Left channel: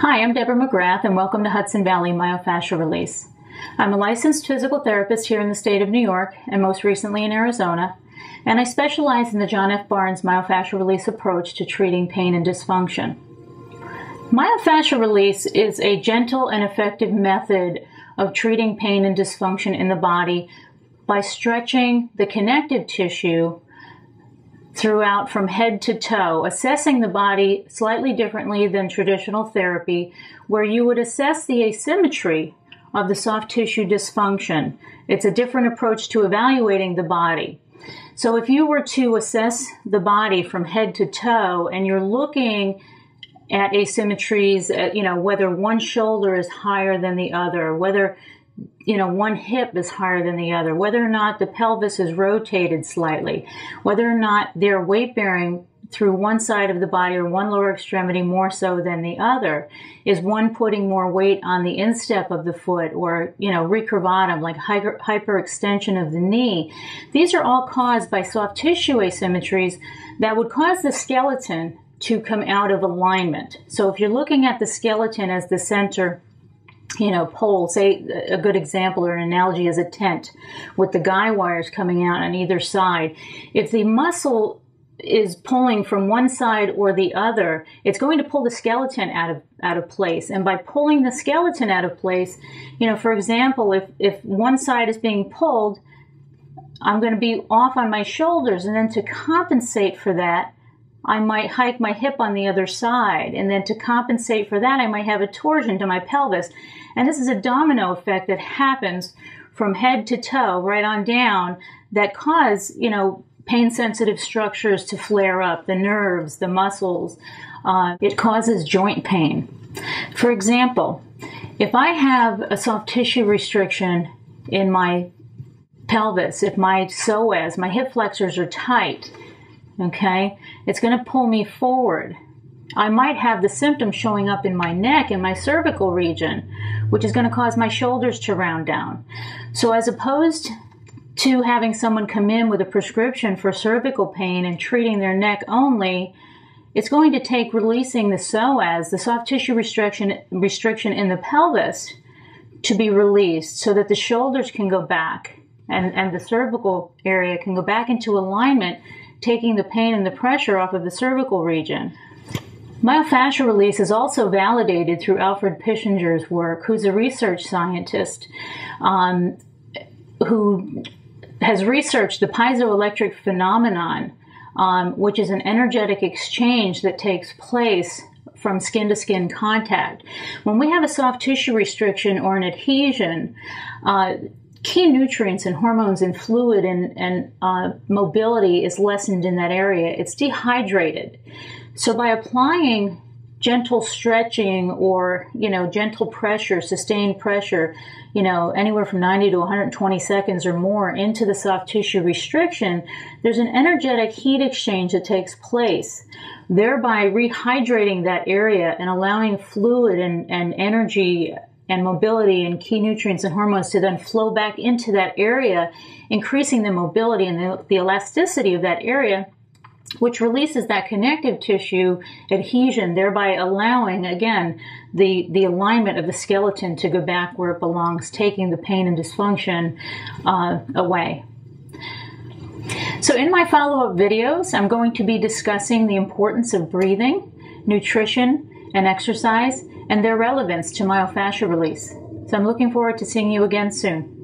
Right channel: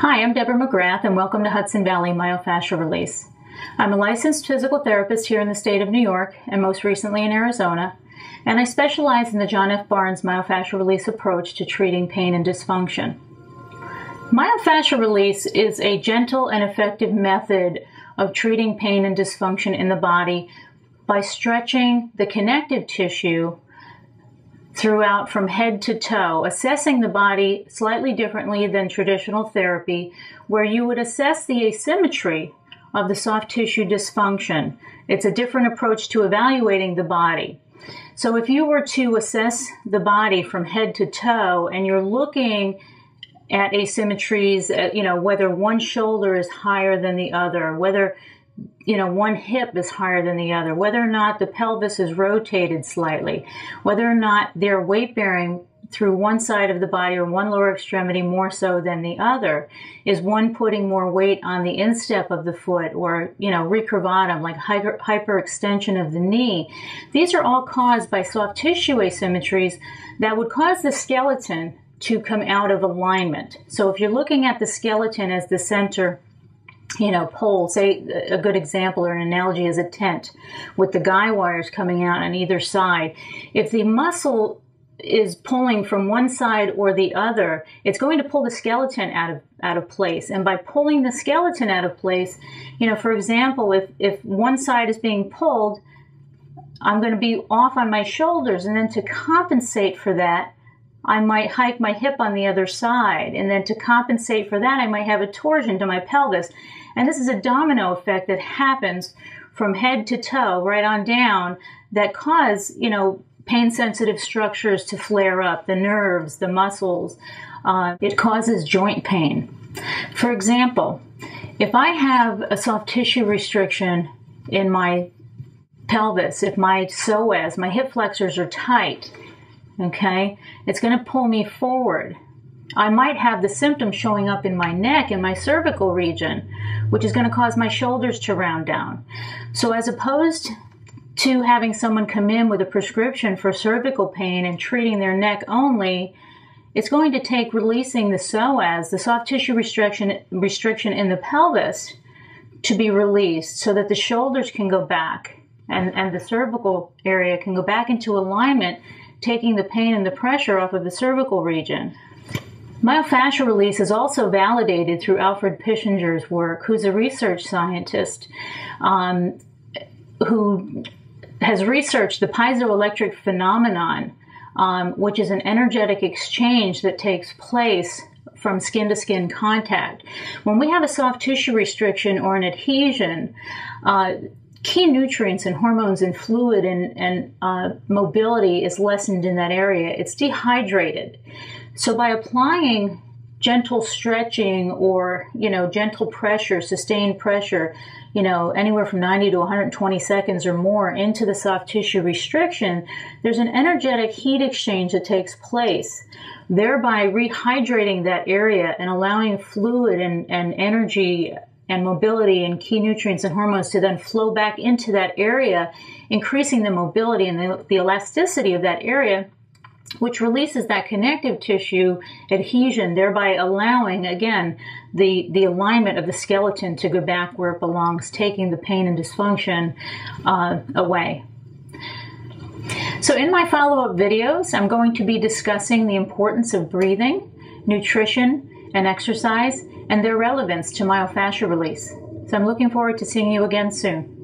Hi, I'm Deborah Mcgrath, and welcome to Hudson Valley Myofascial Release. I'm a licensed physical therapist here in the state of New York, and most recently in Arizona, and I specialize in the John F. Barnes Myofascial Release approach to treating pain and dysfunction. Myofascial release is a gentle and effective method of treating pain and dysfunction in the body by stretching the connective tissue throughout from head to toe, assessing the body slightly differently than traditional therapy, where you would assess the asymmetry of the soft tissue dysfunction. It's a different approach to evaluating the body. So if you were to assess the body from head to toe and you're looking at asymmetries, whether one shoulder is higher than the other, whether one hip is higher than the other, whether or not the pelvis is rotated slightly, whether or not they're weight bearing through one side of the body or one lower extremity more so than the other. Is one putting more weight on the instep of the foot, or, recurvatum, like hyperextension of the knee? These are all caused by soft tissue asymmetries that would cause the skeleton to come out of alignment. So if you're looking at the skeleton as the center pole, say a good example or an analogy is a tent with the guy wires coming out on either side. If the muscle is pulling from one side or the other, it's going to pull the skeleton out of place. And by pulling the skeleton out of place, for example, if one side is being pulled, I'm going to be off on my shoulders, and then to compensate for that, I might hike my hip on the other side, and then to compensate for that, I might have a torsion to my pelvis. And this is a domino effect that happens from head to toe, right on down, that cause, pain-sensitive structures to flare up, the nerves, the muscles. It causes joint pain. For example, if I have a soft tissue restriction in my pelvis, if my psoas, my hip flexors are tight, okay, it's going to pull me forward. I might have the symptom showing up in my neck and my cervical region, which is going to cause my shoulders to round down. So as opposed to having someone come in with a prescription for cervical pain and treating their neck only, it's going to take releasing the psoas, the soft tissue restriction in the pelvis, to be released so that the shoulders can go back and the cervical area can go back into alignment, taking the pain and the pressure off of the cervical region. Myofascial release is also validated through Alfred Pischinger's work, who's a research scientist who has researched the piezoelectric phenomenon, which is an energetic exchange that takes place from skin-to-skin contact. When we have a soft tissue restriction or an adhesion, key nutrients and hormones and fluid and mobility is lessened in that area. It's dehydrated. So by applying gentle stretching or, gentle pressure, sustained pressure, anywhere from 90 to 120 seconds or more into the soft tissue restriction, there's an energetic heat exchange that takes place, thereby rehydrating that area and allowing fluid and energy and mobility and key nutrients and hormones to then flow back into that area, increasing the mobility and the elasticity of that area, which releases that connective tissue adhesion, thereby allowing, again, the alignment of the skeleton to go back where it belongs, taking the pain and dysfunction away. So in my follow-up videos, I'm going to be discussing the importance of breathing, nutrition, and exercise, and their relevance to myofascial release. So I'm looking forward to seeing you again soon.